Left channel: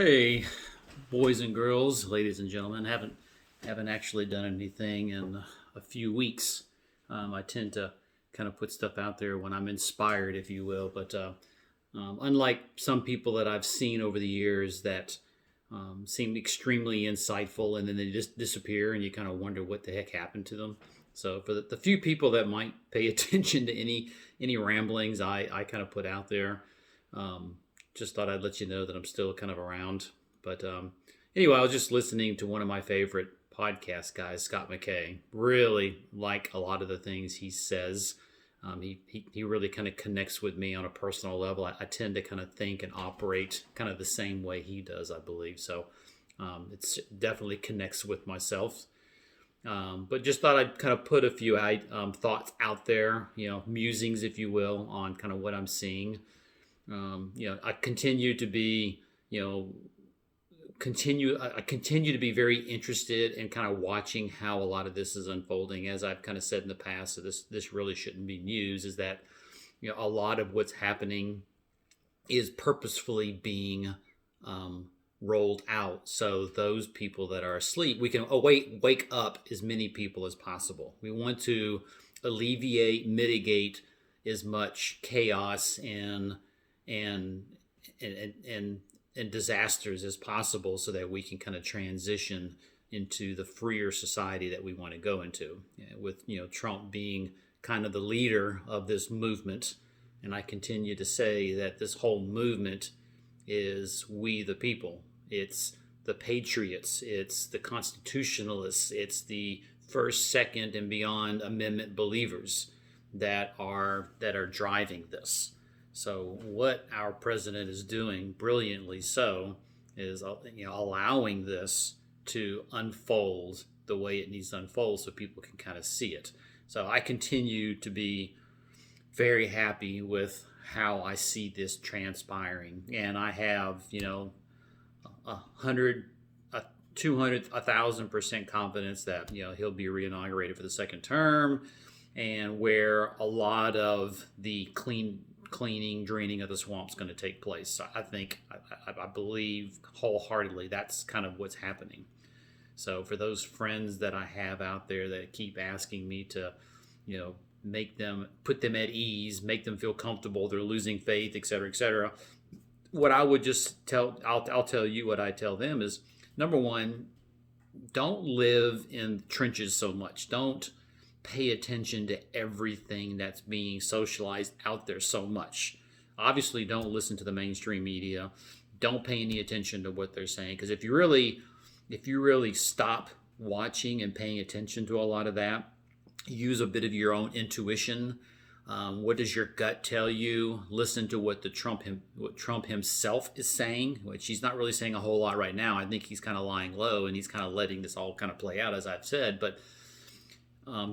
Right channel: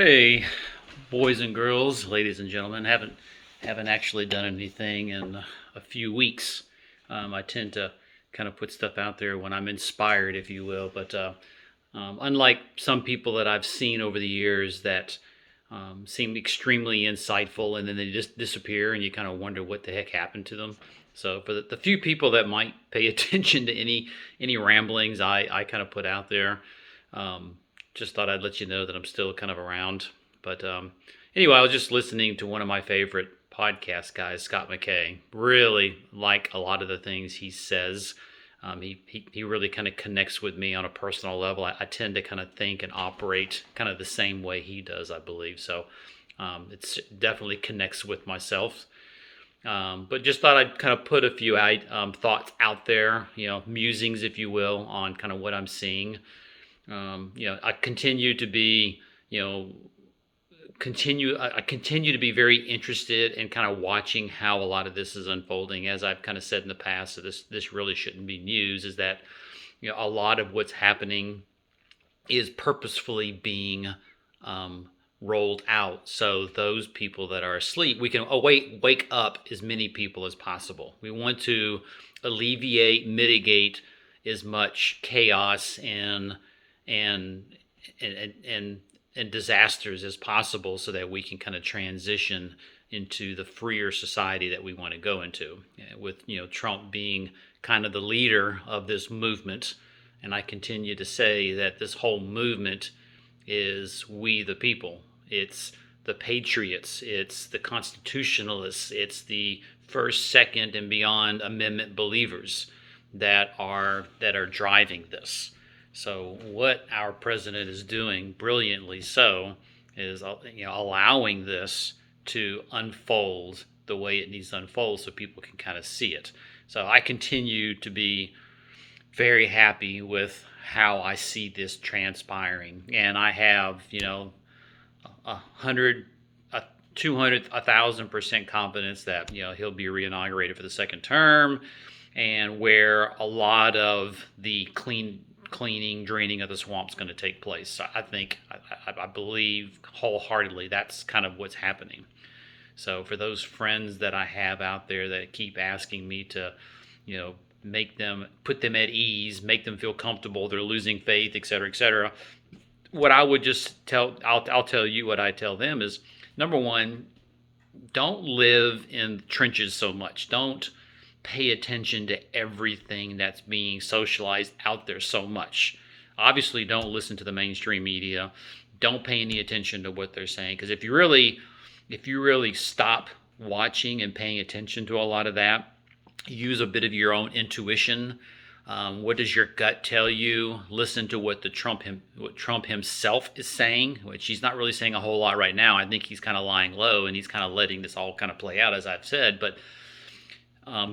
Hey, boys and girls, ladies and gentlemen. Haven't actually done anything in a few weeks. I tend to kind of put stuff out there when I'm inspired, if you will. But unlike some people that I've seen over the years that seem extremely insightful and then they just disappear and you kind of wonder what the heck happened to them. So for the few people that might pay attention to any ramblings I kind of put out there, um, just thought I'd let you know that I'm still kind of around. But anyway, I was just listening to one of my favorite podcast guys, Scott McKay. Really like a lot of the things he says. He really kind of connects with me on a personal level. I tend to kind of think and operate kind of the same way he does, I believe. So it's definitely connects with myself. But just thought I'd kind of put a few thoughts out there, musings, if you will, on kind of what I'm seeing. I continue to be, I continue to be very interested in kind of watching how a lot of this is unfolding. As I've kind of said in the past, so this really shouldn't be news, is that, a lot of what's happening is purposefully being rolled out. So those people that are asleep, we can wake up as many people as possible. We want to alleviate, mitigate as much chaos and and disasters as possible so that we can kind of transition into the freer society that we want to go into, with Trump being kind of the leader of this movement. And I continue to say that this whole movement is we the people. It's the patriots, it's the constitutionalists, it's the first, second, and beyond amendment believers that are driving this. So what our president is doing brilliantly so is allowing this to unfold the way it needs to unfold so people can kind of see it. So I continue to be very happy with how I see this transpiring, and I have 100, 200, 1,000% confidence that he'll be reinaugurated for the second term, and where a lot of the cleaning, draining of the swamp is going to take place. So I believe wholeheartedly that's kind of what's happening. So for those friends that I have out there that keep asking me to, put them at ease, make them feel comfortable, they're losing faith, et cetera, what I would just I'll tell you what I tell them is, number one, don't live in trenches so much. Don't pay attention to everything that's being socialized out there so much. Obviously, don't listen to the mainstream media. Don't pay any attention to what they're saying, because if you really stop watching and paying attention to a lot of that, use a bit of your own intuition. What does your gut tell you? Listen to what Trump himself is saying, which he's not really saying a whole lot right now. I think he's kind of lying low and he's kind of letting this all kind of play out, as I've said. But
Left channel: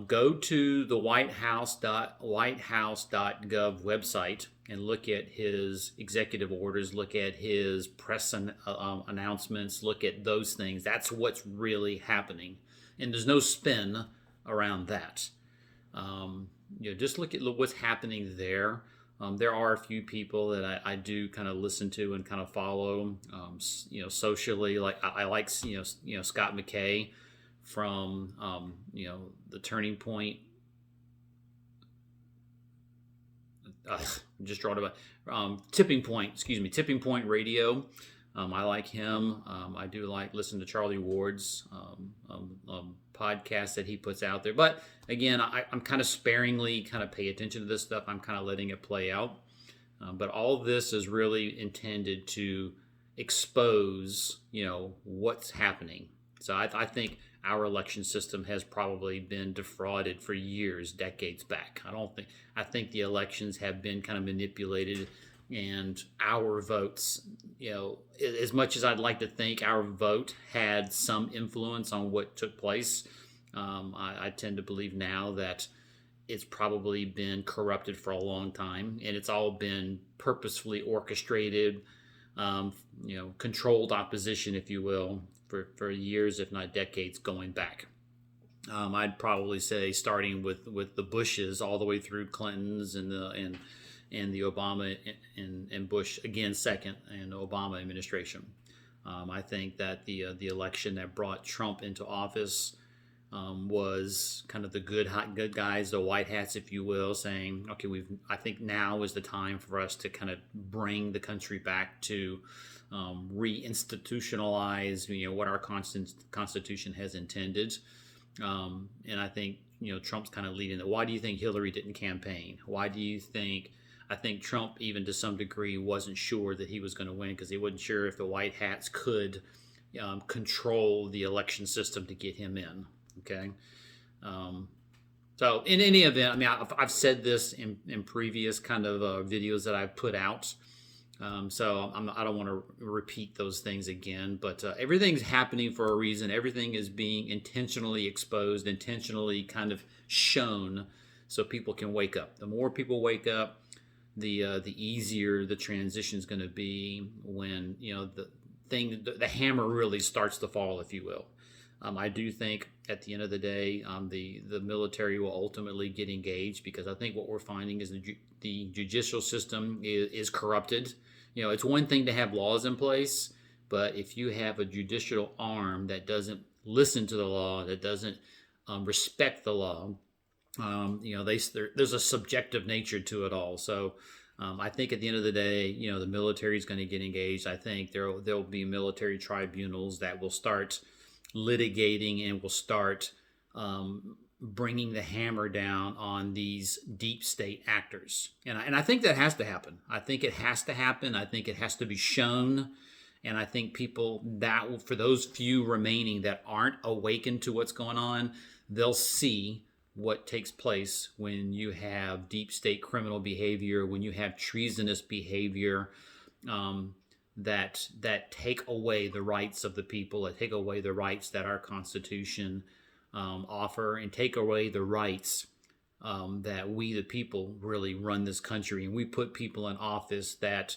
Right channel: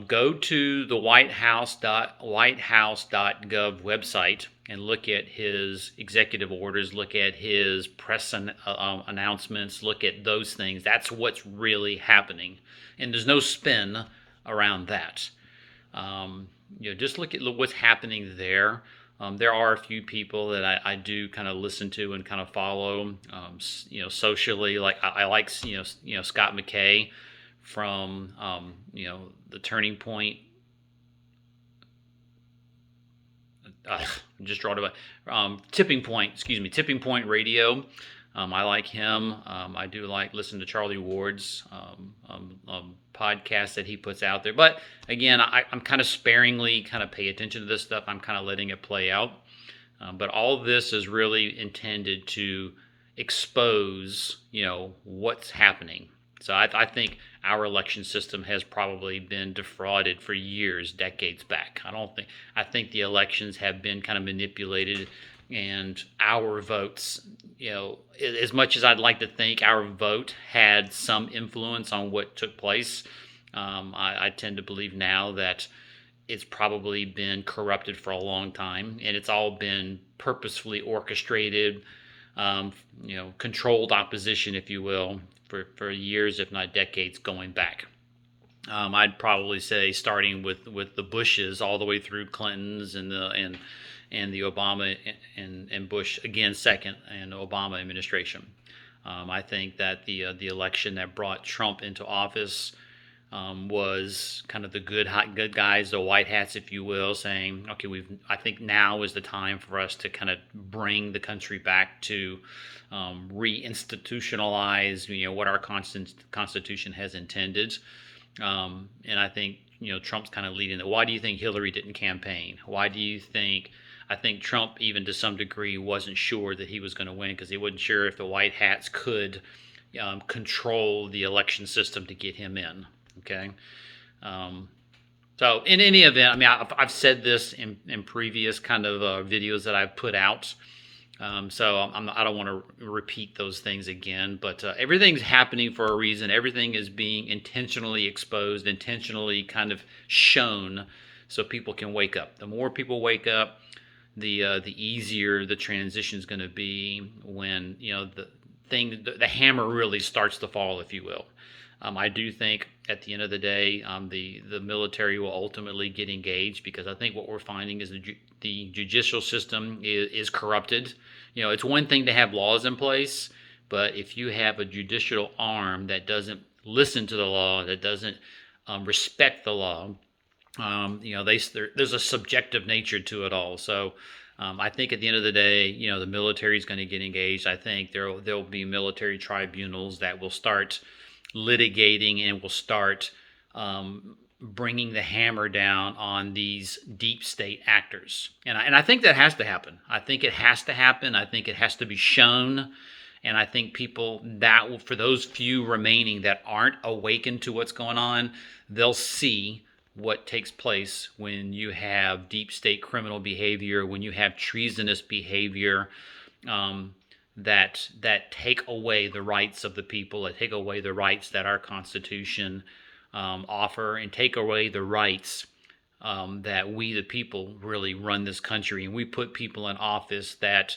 go to the whitehouse.gov website and look at his executive orders, look at his press announcements, look at those things. That's what's really happening. And there's no spin around that. Just look at what's happening there. There are a few people that I do kind of listen to and kind of follow, socially. Like I like, Scott McKay from, the Turning Point. Just drawed about Tipping Point Radio. I like him. I do listen to Charlie Ward's podcast that he puts out there. But again, I'm kind of sparingly kind of pay attention to this stuff. I'm kind of letting it play out. But all this is really intended to expose, what's happening. So I think our election system has probably been defrauded for years, decades back. I think the elections have been kind of manipulated, and our votes, as much as I'd like to think our vote had some influence on what took place, I tend to believe now that it's probably been corrupted for a long time, and it's all been purposefully orchestrated, controlled opposition, if you will, for years, if not decades, going back. I'd probably say starting with the Bushes all the way through Clinton's and the Obama and Bush again second and Obama administration. I think that the election that brought Trump into office was kind of the good guys, the white hats, if you will, saying, okay, I think now is the time for us to kind of bring the country back to reinstitutionalize, what our Constitution has intended. And I think, Trump's kind of leading it. Why do you think Hillary didn't campaign? Why do you think? I think Trump, even to some degree, wasn't sure that he was going to win because he wasn't sure if the white hats could control the election system to get him in. Okay. So in any event, I mean, I've said this in previous kind of videos that I've put out. So I don't want to repeat those things again, but everything's happening for a reason. Everything is being intentionally exposed, intentionally kind of shown so people can wake up. The more people wake up, the easier the transition is going to be when, the hammer really starts to fall, if you will. I do think at the end of the day, the military will ultimately get engaged because I think what we're finding is the judicial system is corrupted. It's one thing to have laws in place, but if you have a judicial arm that doesn't listen to the law, that doesn't respect the law, there's a subjective nature to it all. So I think at the end of the day, the military is going to get engaged. I think there'll be military tribunals that will start litigating and will start bringing the hammer down on these deep state actors. And I think that has to happen. I think it has to happen. I think it has to be shown. And I think people for those few remaining that aren't awakened to what's going on, they'll see what takes place when you have deep state criminal behavior, when you have treasonous behavior, that take away the rights of the people, that take away the rights that our Constitution offer, and take away the rights that we, the people, really run this country. And we put people in office that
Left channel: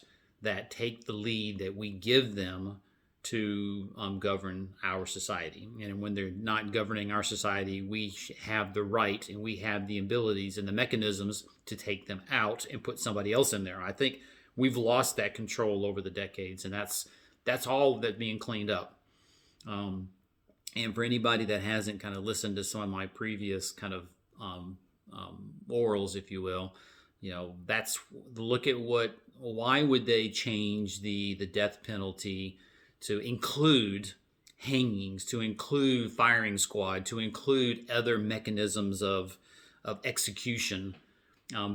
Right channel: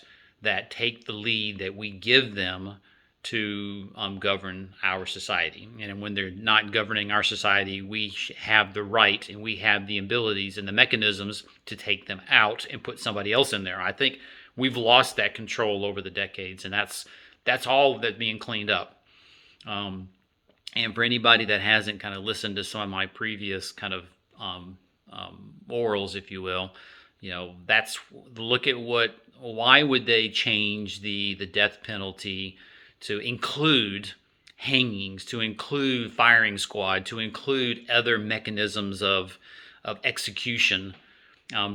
take the lead that we give them to govern our society. And when they're not governing our society, we have the right and we have the abilities and the mechanisms to take them out and put somebody else in there. I think we've lost that control over the decades, and that's all that's being cleaned up. And for anybody that hasn't kind of listened to some of my previous kind of orals, if you will, look at why would they change the death penalty to include hangings, to include firing squad, to include other mechanisms of execution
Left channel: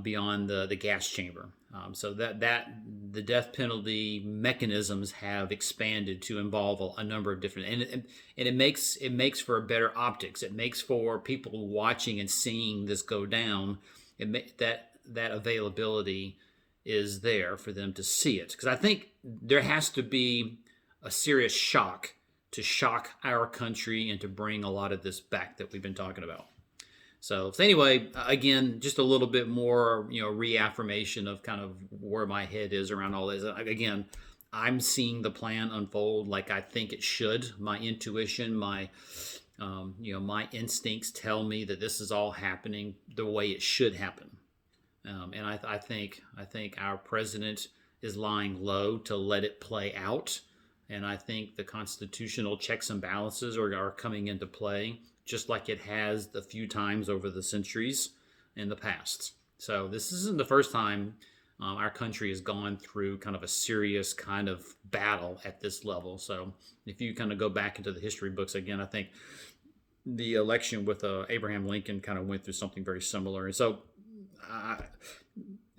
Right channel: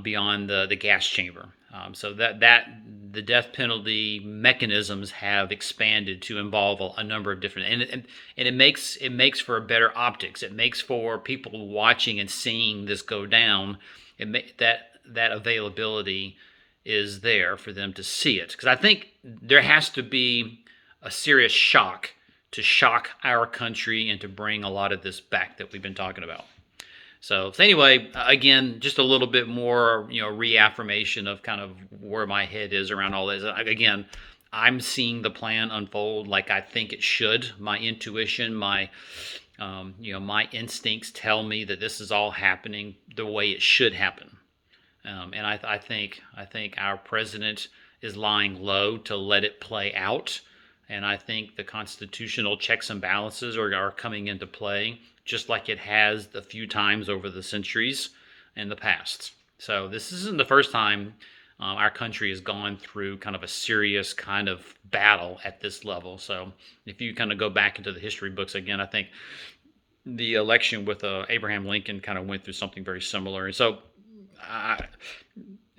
beyond the gas chamber. So that the death penalty mechanisms have expanded to involve a number of different, and it makes for a better optics. It makes for people watching and seeing this go down. That availability is there for them to see it, because I think there has to be a serious shock to shock our country and to bring a lot of this back that we've been talking about. So anyway, again, just a little bit more, reaffirmation of kind of where my head is around all this. Again, I'm seeing the plan unfold like I think it should. My intuition, my instincts tell me that this is all happening the way it should happen. And I think our president is lying low to let it play out. And I think the constitutional checks and balances are coming into play, just like it has the few times over the centuries in the past. So this isn't the first time our country has gone through kind of a serious kind of battle at this level. So if you kind of go back into the history books again, I think the election with Abraham Lincoln kind of went through something very similar. And so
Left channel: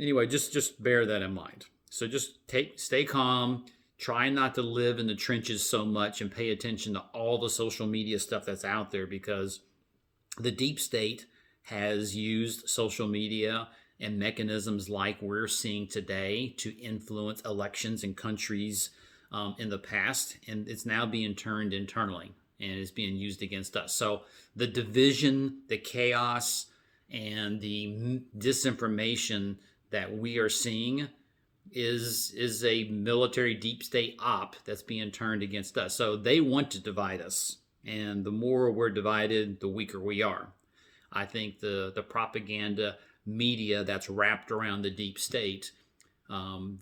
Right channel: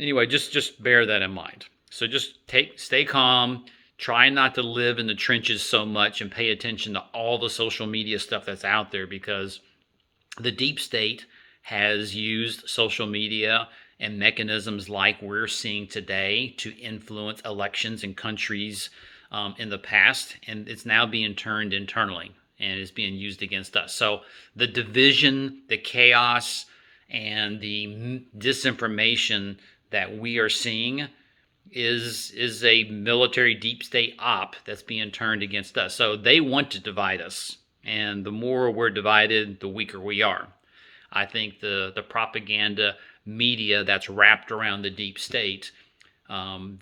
anyway, just bear that in mind. So just stay calm. Try not to live in the trenches so much and pay attention to all the social media stuff that's out there, because the deep state has used social media and mechanisms like we're seeing today to influence elections in countries in the past, and it's now being turned internally and is being used against us. So the division, the chaos, and the disinformation that we are seeing is a military deep state op that's being turned against us. So they want to divide us, and the more we're divided, the weaker we are. I think the propaganda media that's wrapped around the deep state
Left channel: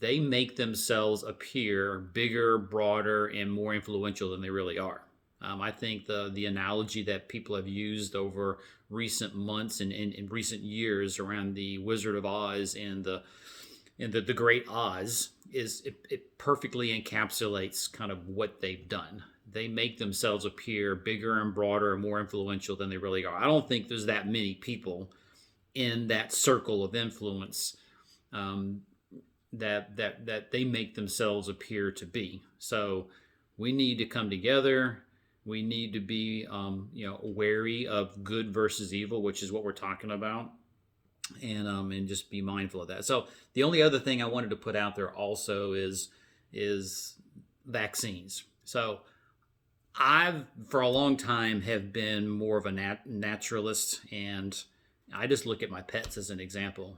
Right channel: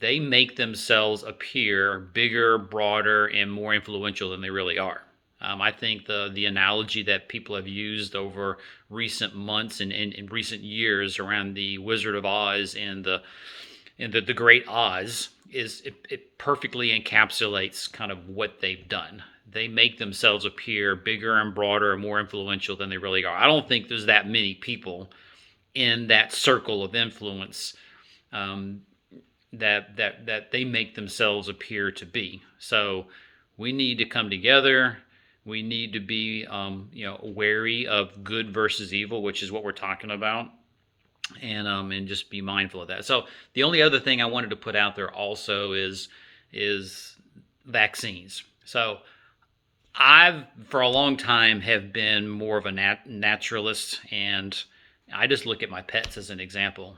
they make themselves appear bigger, broader, and more influential than they really are. I think the analogy that people have used over recent months and in recent years around the Wizard of Oz and the Great Oz is it perfectly encapsulates kind of what they've done. They make themselves appear bigger and broader and more influential than they really are. I don't think there's that many people in that circle of influence um, that they make themselves appear to be. So we need to come together. We need to be wary of good versus evil, which is what we're talking about, and just be mindful of that. So the only other thing I wanted to put out there also is vaccines. So I've for a long time have been more of a naturalist, and I just look at my pets as an example.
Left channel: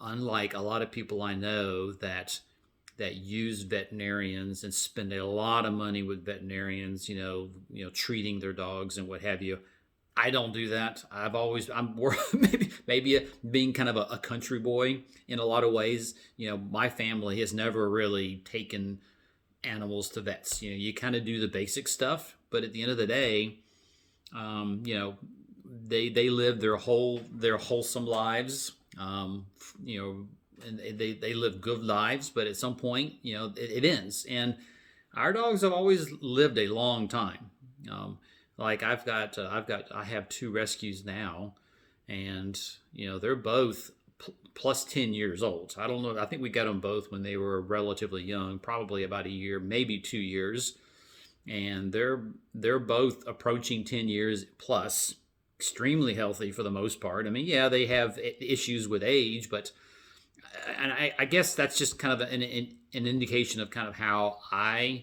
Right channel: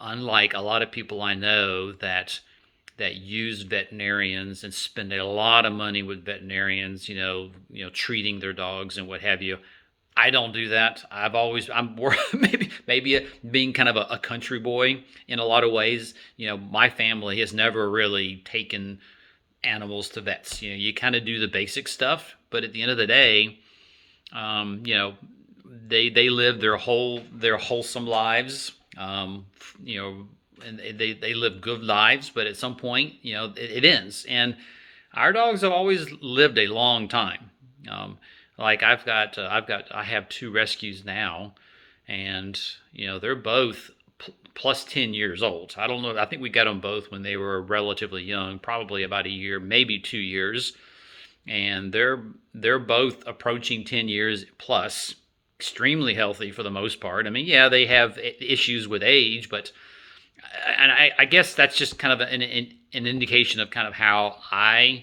Unlike a lot of people I know that use veterinarians and spend a lot of money with veterinarians, treating their dogs and what have you. I don't do that. I'm more maybe being kind of a country boy in a lot of ways. My family has never really taken animals to vets. You kind of do the basic stuff, but at the end of the day, they live their wholesome lives. And they live good lives, but at some point, it ends. And our dogs have always lived a long time. Like I have two rescues now, and they're both plus 10 years old. I don't know. I think we got them both when they were relatively young, probably about a year, maybe 2 years, and they're both approaching 10 years plus, extremely healthy for the most part. I mean, yeah, they have issues with age, but I guess that's just kind of an indication of kind of how my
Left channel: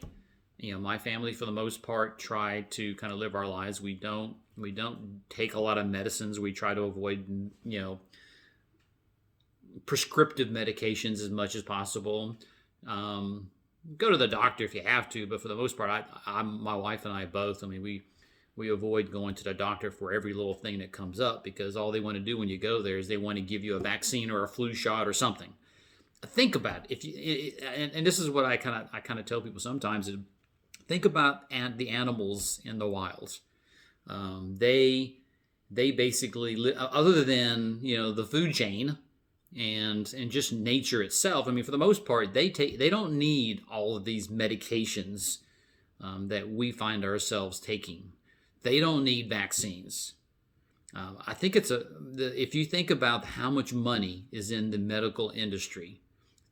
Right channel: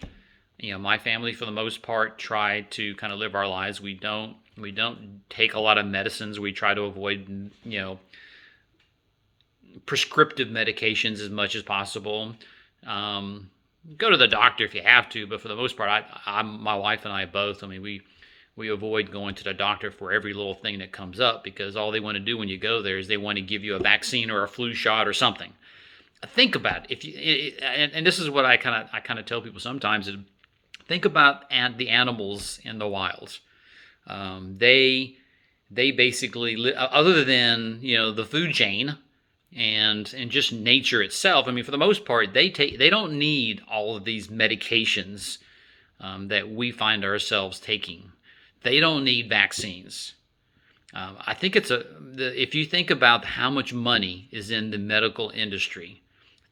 family for the most part try to kind of live our lives. We don't take a lot of medicines. We try to avoid prescriptive medications as much as possible. Go to the doctor if you have to, but for the most part, my wife and I both. I mean, we avoid going to the doctor for every little thing that comes up, because all they want to do when you go there is they want to give you a vaccine or a flu shot or something. Think about it. And this is what I kind of tell people sometimes is, think about the animals in the wild. They basically other than the food chain and just nature itself. I mean, for the most part, they don't need all of these medications that we find ourselves taking. They don't need vaccines. I think if you think about how much money is in the medical industry,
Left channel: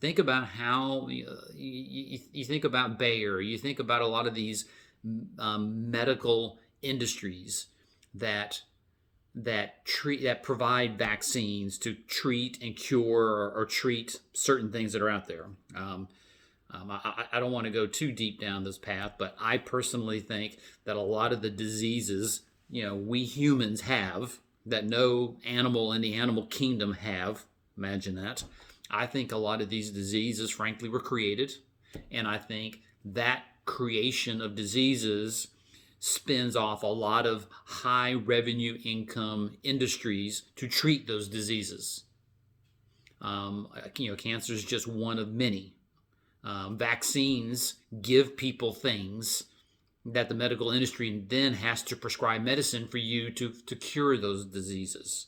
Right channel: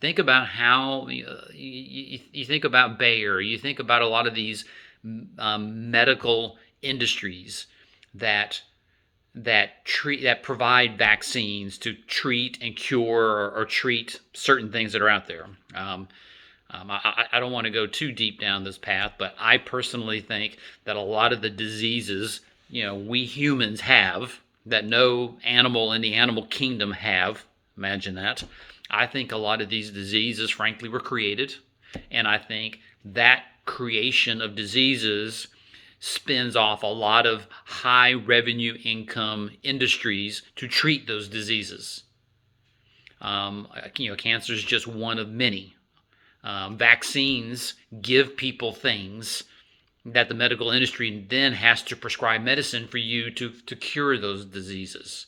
think about how you think about Bayer, you think about a lot of these medical industries that provide vaccines to treat and cure or treat certain things that are out there. I don't want to go too deep down this path, but I personally think that a lot of the diseases, we humans have that no animal in the animal kingdom have, imagine that. I think a lot of these diseases, frankly, were created. And I think that creation of diseases spins off a lot of high revenue income industries to treat those diseases. Cancer is just one of many. Vaccines give people things that the medical industry then has to prescribe medicine for you to cure those diseases.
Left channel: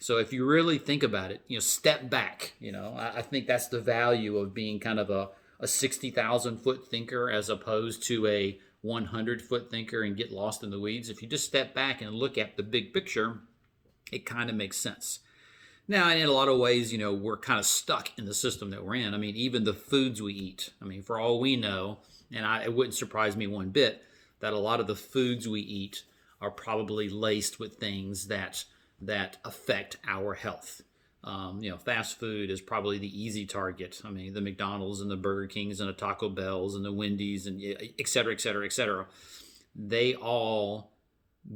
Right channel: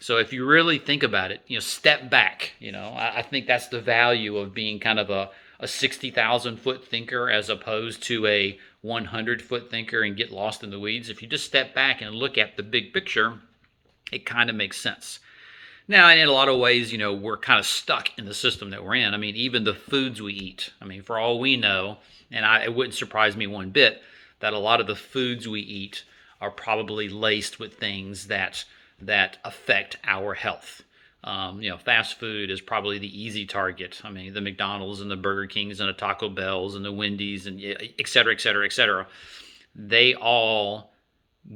So if you really think about it, step back. I think that's the value of being kind of a 60,000 foot thinker as opposed to a 100-foot thinker and get lost in the weeds. If you just step back and look at the big picture, it kind of makes sense. Now, in a lot of ways, we're kind of stuck in the system that we're in. I mean, even the foods we eat. I mean, for all we know, and it wouldn't surprise me one bit, that a lot of the foods we eat are probably laced with things that affect our health. Fast food is probably the easy target. I mean, the McDonald's and the Burger Kings and the Taco Bells and the Wendy's and et cetera, et cetera, et cetera. They all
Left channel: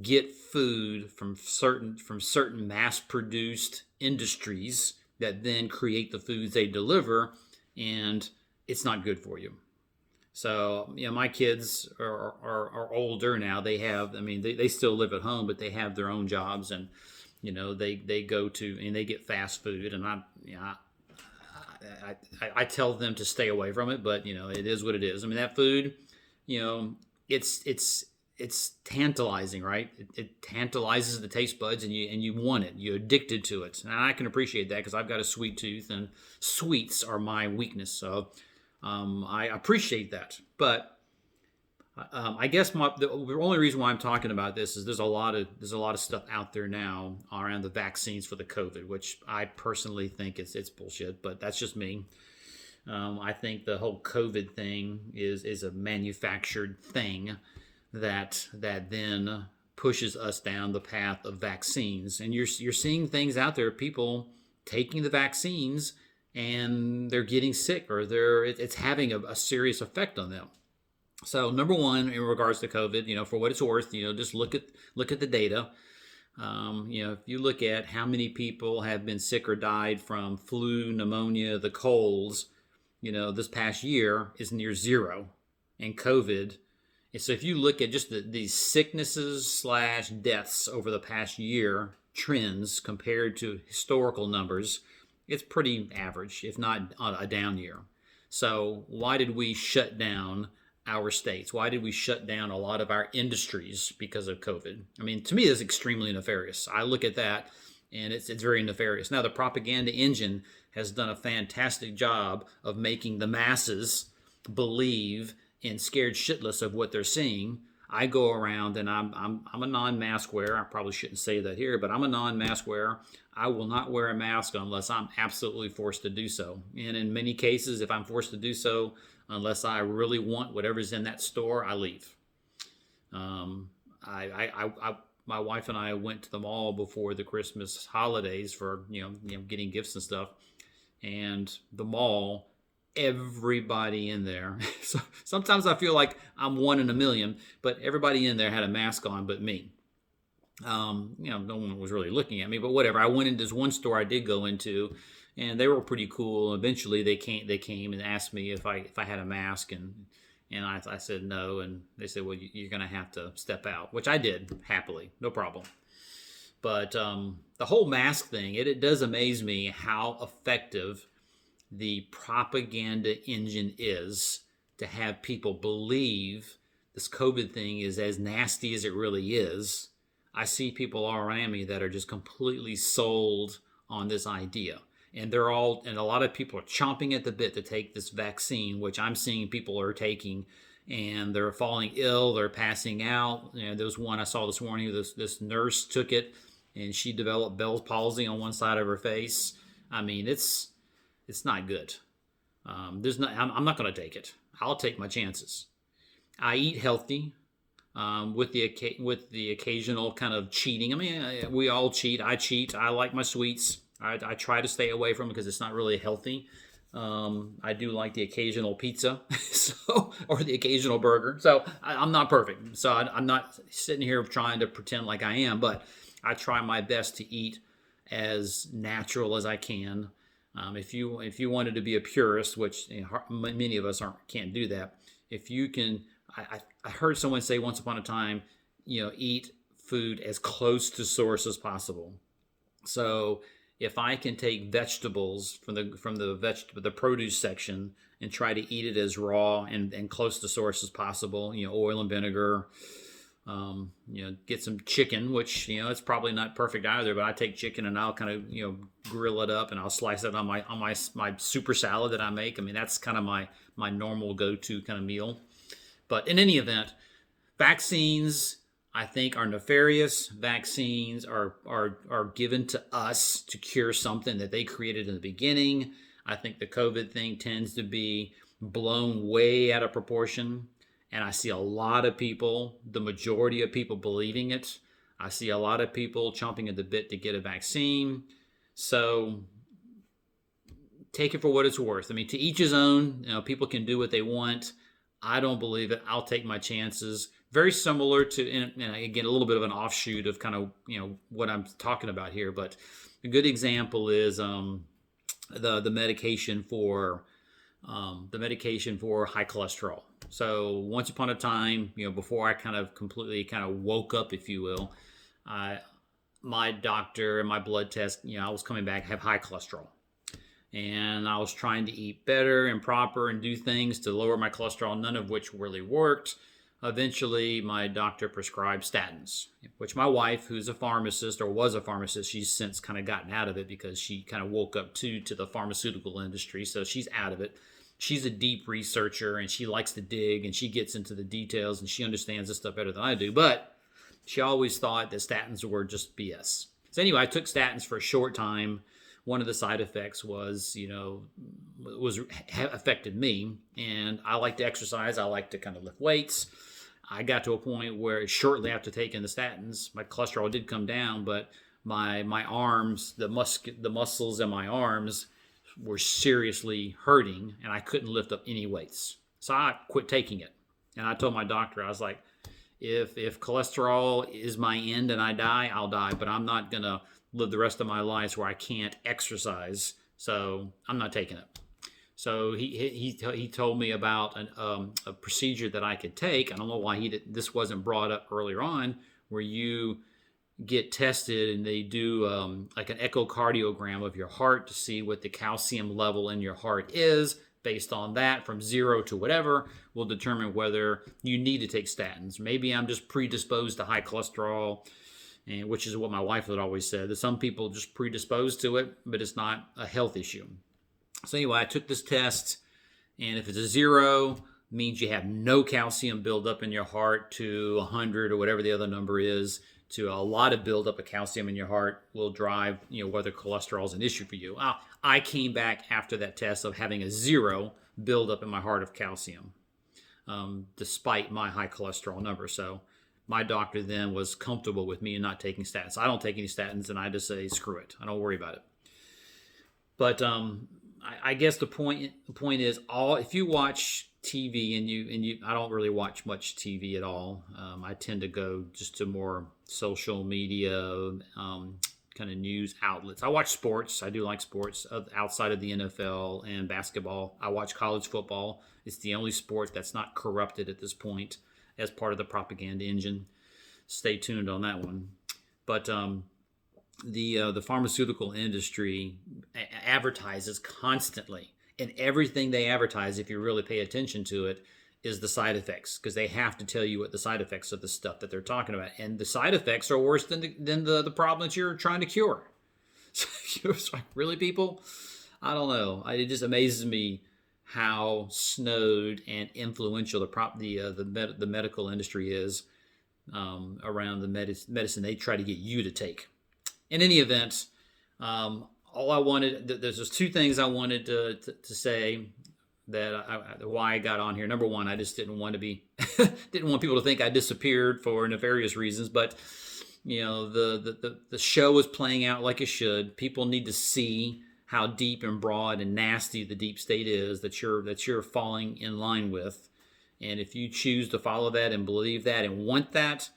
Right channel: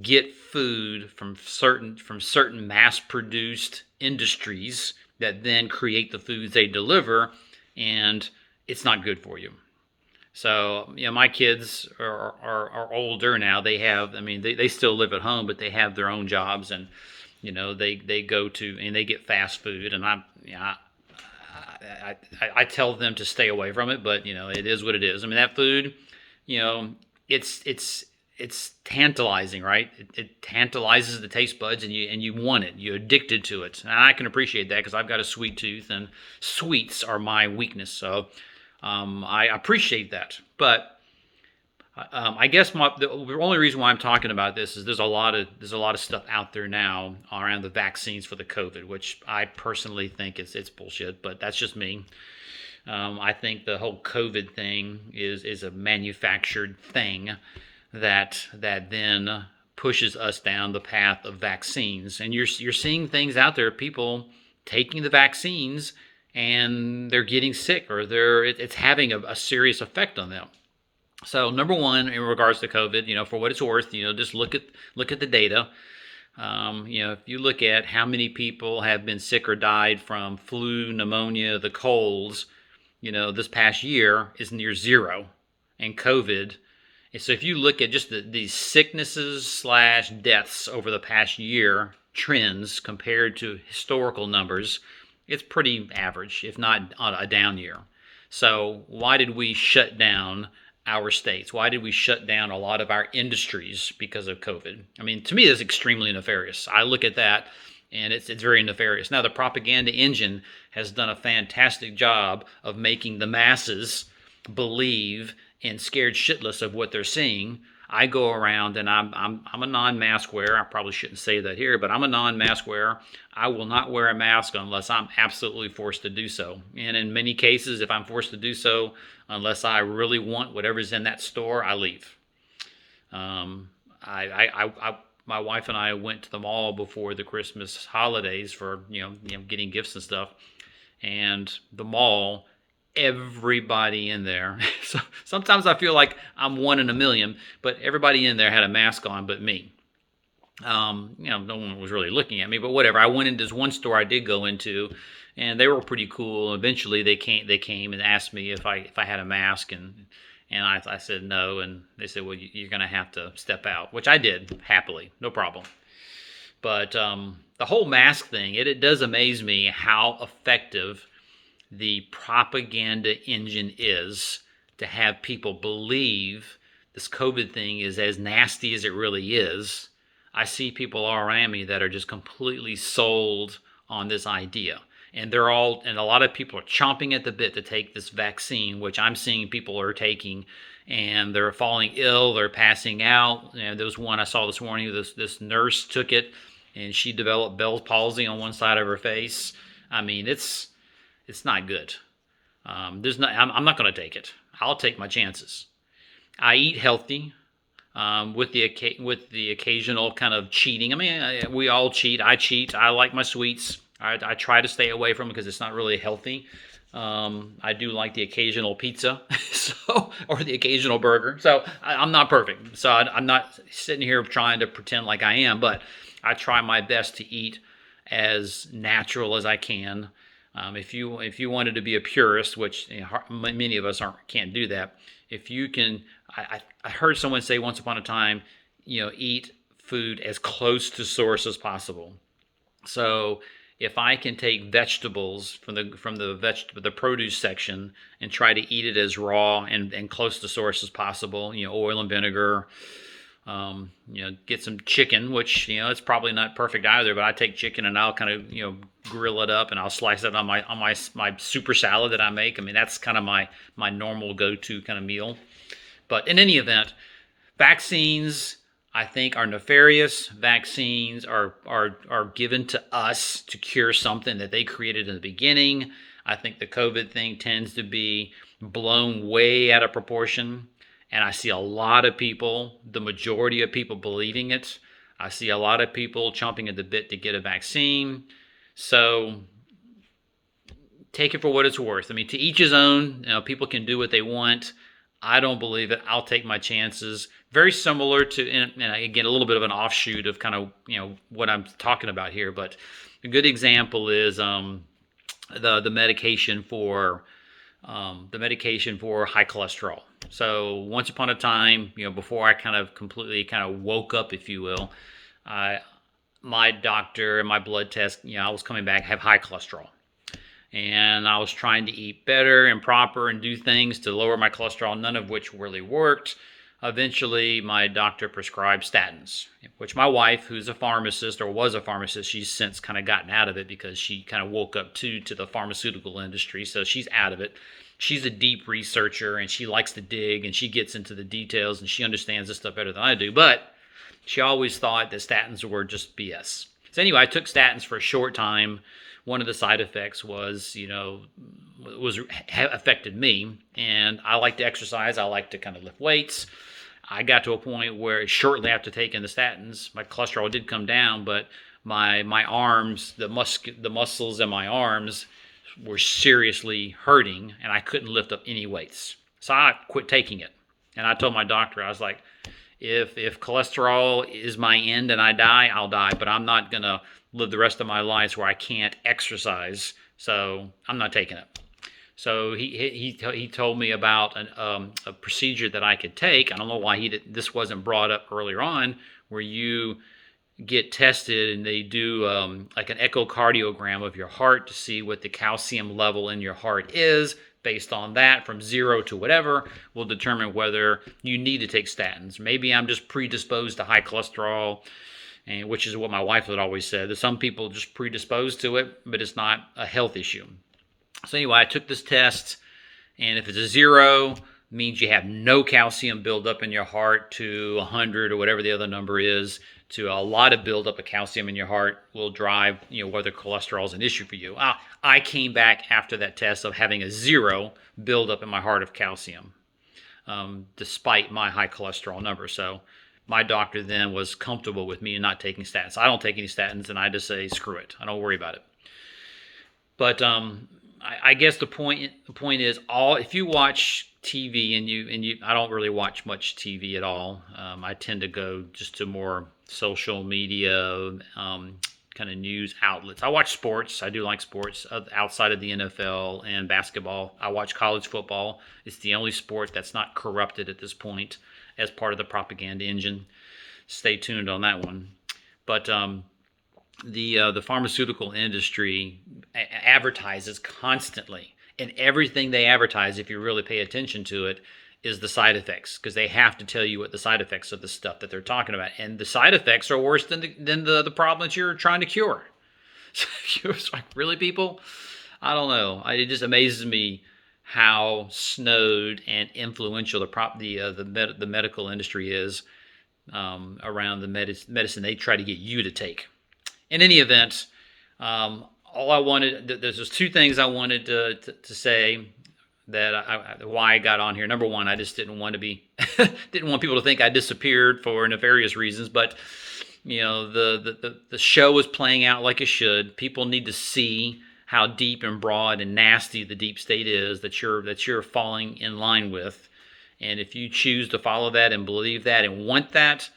get food from certain mass-produced industries that then create the foods they deliver, and it's not good for you. So, my kids are older now. They still live at home, but they have their own jobs, and they go to and they get fast food, and I tell them to stay away from it, but it is what it is. I mean, that food, you know, it's tantalizing, right? It tantalizes the taste buds, and you want it. You're addicted to it, and I can appreciate that because I've got a sweet tooth, and sweets are my weakness. So I appreciate that, but. I guess the only reason why I'm talking about this is there's a lot of stuff out there now around the vaccines for the COVID, which I personally think it's bullshit, but that's just me. I think the whole COVID thing is a manufactured thing that then pushes us down the path of vaccines, and you're seeing things out there, people taking the vaccines and they're getting sick, or it's having a serious effect on them. So number one, in regards to COVID, for what it's worth, just look at the data. If you look at how many people have been sick or died from flu, pneumonia, the colds, this past year is near zero, and COVID. And so if you look at just these sicknesses / deaths over the past year trends compared to historical numbers, it's pretty average, if not a down year. So why did we shut down our states? Why did we shut down a lot of our industries because of COVID? I mean, to me, it's extremely nefarious. I look at that, and it's very nefarious. Now, the propaganda engine has done a fantastic job of making the masses believe and scared shitless of what they're seeing. I go around, and I'm a non-mask wearer. I probably shouldn't say that here, but I'm a non-mask wearer. I will not wear a mask unless I'm absolutely forced to do so. And in many cases, if I'm forced to do so, unless I really want whatever's in that store, I leave. My wife and I went to the mall before the Christmas holidays for getting gifts and stuff, and the mall, everybody in there. So sometimes I feel like I'm one in a million, but everybody in there had a mask on, but me. No one was really looking at me, but whatever. I went into this one store I did go into, and they were pretty cool. Eventually, they came and asked me if I had a mask, and I said no, and they said, well, you're going to have to step out, which I did happily, no problem. But the whole mask thing, it does amaze me how effective the propaganda engine is to have people believe this COVID thing is as nasty as it really is. I see people all around me that are just completely sold on this idea. And and a lot of people are chomping at the bit to take this vaccine, which I'm seeing people are taking, and they're falling ill, they're passing out. There was one I saw this morning, this nurse took it, and she developed Bell's palsy on one side of her face. I mean, it's not good. I'm not going to take it. I'll take my chances. I eat healthy. With the occasional kind of cheating. I mean, we all cheat. I cheat. I like my sweets. I try to stay away from it because it's not really healthy. I do like the occasional pizza, or the occasional burger. So I'm not perfect. So I'm not sitting here trying to pretend like I am, but I try my best to eat as natural as I can. If you wanted to be a purist, which many of us can't do that. If you can, I heard someone say once upon a time, eat food as close to source as possible. So if I can take vegetables from the produce section and try to eat it as raw and close to source as possible, oil and vinegar, get some chicken, which it's probably not perfect either, but I take chicken and I'll kind of grill it up and I'll slice it on my super salad that I make. I mean, that's kind of my normal go-to kind of meal. But in any event, vaccines, I think, are nefarious. Vaccines are given to us to cure something that they created in the beginning. I think the COVID thing tends to be blown way out of proportion. And I see a lot of people, the majority of people, believing it. I see a lot of people chomping at the bit to get a vaccine. So take it for what it's worth. I mean, to each his own. People can do what they want. I don't believe it. I'll take my chances. Very similar to, and again, a little bit of an offshoot of kind of, what I'm talking about here. But a good example is the medication for high cholesterol. So once upon a time, before I kind of completely woke up, if you will, my doctor and my blood test, I was coming back, have high cholesterol. And I was trying to eat better and proper and do things to lower my cholesterol, none of which really worked. Eventually, my doctor prescribed statins, which my wife, who's a pharmacist or was a pharmacist, she's since kind of gotten out of it because she kind of woke up to the pharmaceutical industry. So she's out of it. She's a deep researcher and she likes to dig and she gets into the details and she understands this stuff better than I do. But she always thought that statins were just BS. So anyway, I took statins for a short time. One of the side effects was, affected me. And I like to exercise. I like to kind of lift weights. I got to a point where shortly after taking the statins, my cholesterol did come down, but my arms, the muscles in my arms were seriously hurting, and I couldn't lift up any weights. So I quit taking it. And I told my doctor, I was like, if cholesterol is my end and I die, I'll die, but I'm not going to live the rest of my life where I can't exercise, so I'm not taking it. So he told me about a procedure that I could take. I don't know why this wasn't brought up earlier on, where you get tested and they do like an echocardiogram of your heart to see what the calcium level in your heart is. Based on that, from 0 to whatever, will determine whether you need to take statins. Maybe I'm just predisposed to high cholesterol, and which is what my wife had always said. That some people are just predisposed to it, but it's not a health issue. So anyway, I took this test, and if it's a 0, it means you have no calcium buildup in your heart, to 100 or whatever the other number is, to a lot of buildup of calcium in your heart will drive, whether cholesterol is an issue for you. I came back after that test of having a 0 buildup in my heart of calcium, despite my high cholesterol number. So my doctor then was comfortable with me not taking statins. I don't take any statins, and I just say, screw it. I don't worry about it. But I guess the point is, if you watch TV and you I don't really watch much TV at all. I tend to go just to more social media kind of news outlets. I watch sports. I do like sports outside of the NFL and basketball. I watch college football. It's the only sport that's not corrupted at this point as part of the propaganda engine. Stay tuned on that one. But the pharmaceutical industry advertises constantly, and everything they advertise, if you really pay attention to it, is the side effects, because they have to tell you what the side effects of the stuff that they're talking about, and the side effects are worse than the problem that you're trying to cure. So it's like, really, people? I don't know. It just amazes me how snowed and influential the medical industry is around the medicine they try to get you to take. In any event, all I wanted, there's just two things I wanted to say that why I got on here. Number one, I just didn't want people to think I disappeared for nefarious reasons, but the show was playing out like it should. People need to see how deep and broad and nasty the deep state is that you're falling in line with. And if you choose to follow that and believe that and want that,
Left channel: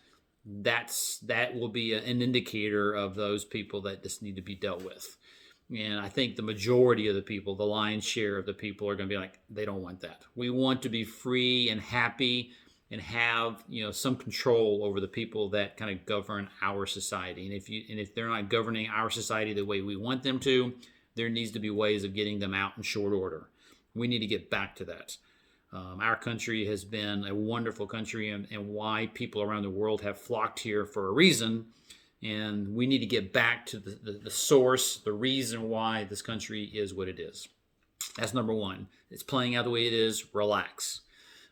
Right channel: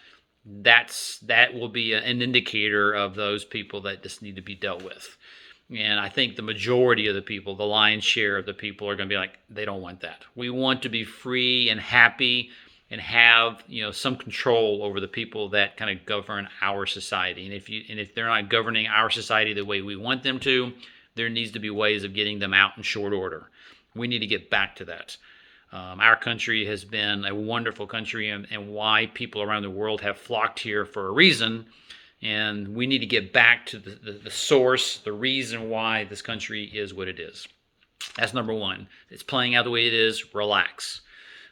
that will be an indicator of those people that just need to be dealt with. And I think the majority of the people, the lion's share of the people, are going to be like, they don't want that. We want to be free and happy and have some control over the people that kind of govern our society. And if they're not governing our society the way we want them to, there needs to be ways of getting them out in short order. We need to get back to that. Our country has been a wonderful country, and why people around the world have flocked here for a reason. And we need to get back to the source, the reason why this country is what it is. That's number one. It's playing out the way it is. Relax.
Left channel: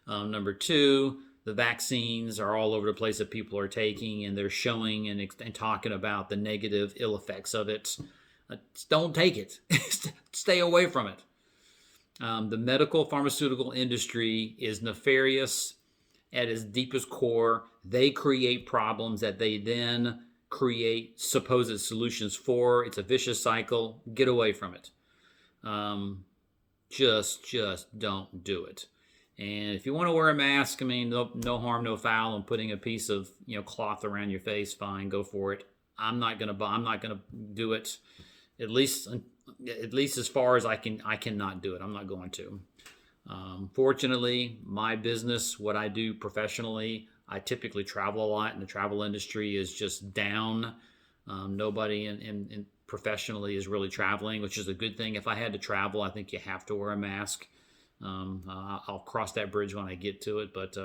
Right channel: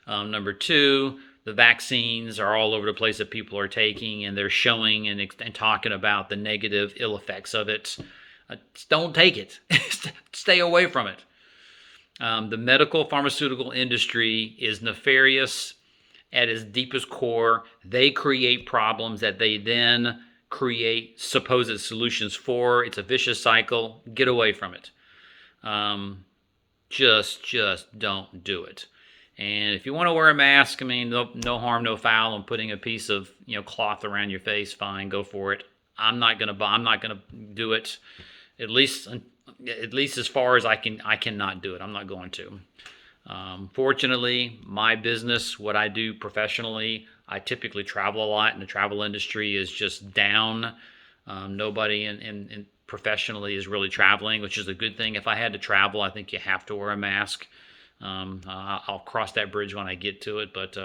Number two, the vaccines are all over the place that people are taking, and they're showing and talking about the negative ill effects of it. Don't take it. Stay away from it. The medical pharmaceutical industry is nefarious at its deepest core. They create problems that they then create supposed solutions for. It's a vicious cycle. Get away from it. Just don't do it. And if you want to wear a mask, no harm, no foul. And putting a piece of cloth around your face, fine, go for it. I'm not gonna do it. At least as far as I cannot do it. I'm not going to. Fortunately, my business, what I do professionally, I typically travel a lot, and the travel industry is just down. Nobody in professionally is really traveling, which is a good thing. If I had to travel, I think you have to wear a mask. I'll cross that bridge when I get to it, but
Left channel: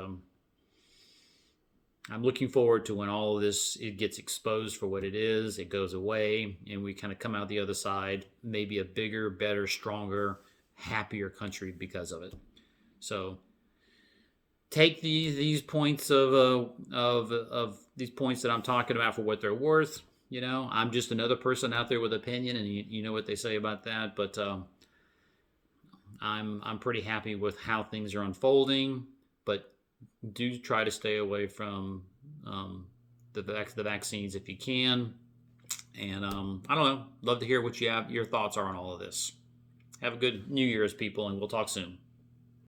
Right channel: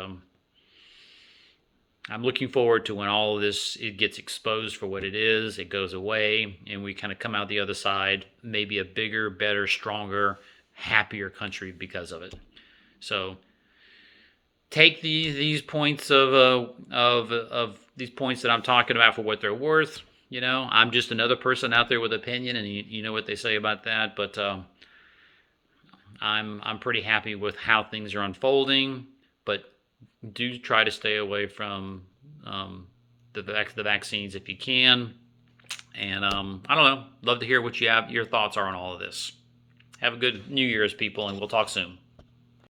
I'm looking forward to when all of this it gets exposed for what it is. It goes away, and we kind of come out the other side, maybe a bigger, better, stronger, happier country because of it. So take these points of these points that I'm talking about for what they're worth. I'm just another person out there with opinion, and you know what they say about that. But I'm pretty happy with how things are unfolding. But do try to stay away from the vaccines if you can. And I don't know. Love to hear what your thoughts are on all of this. Have a good New Year's, people, and we'll talk soon.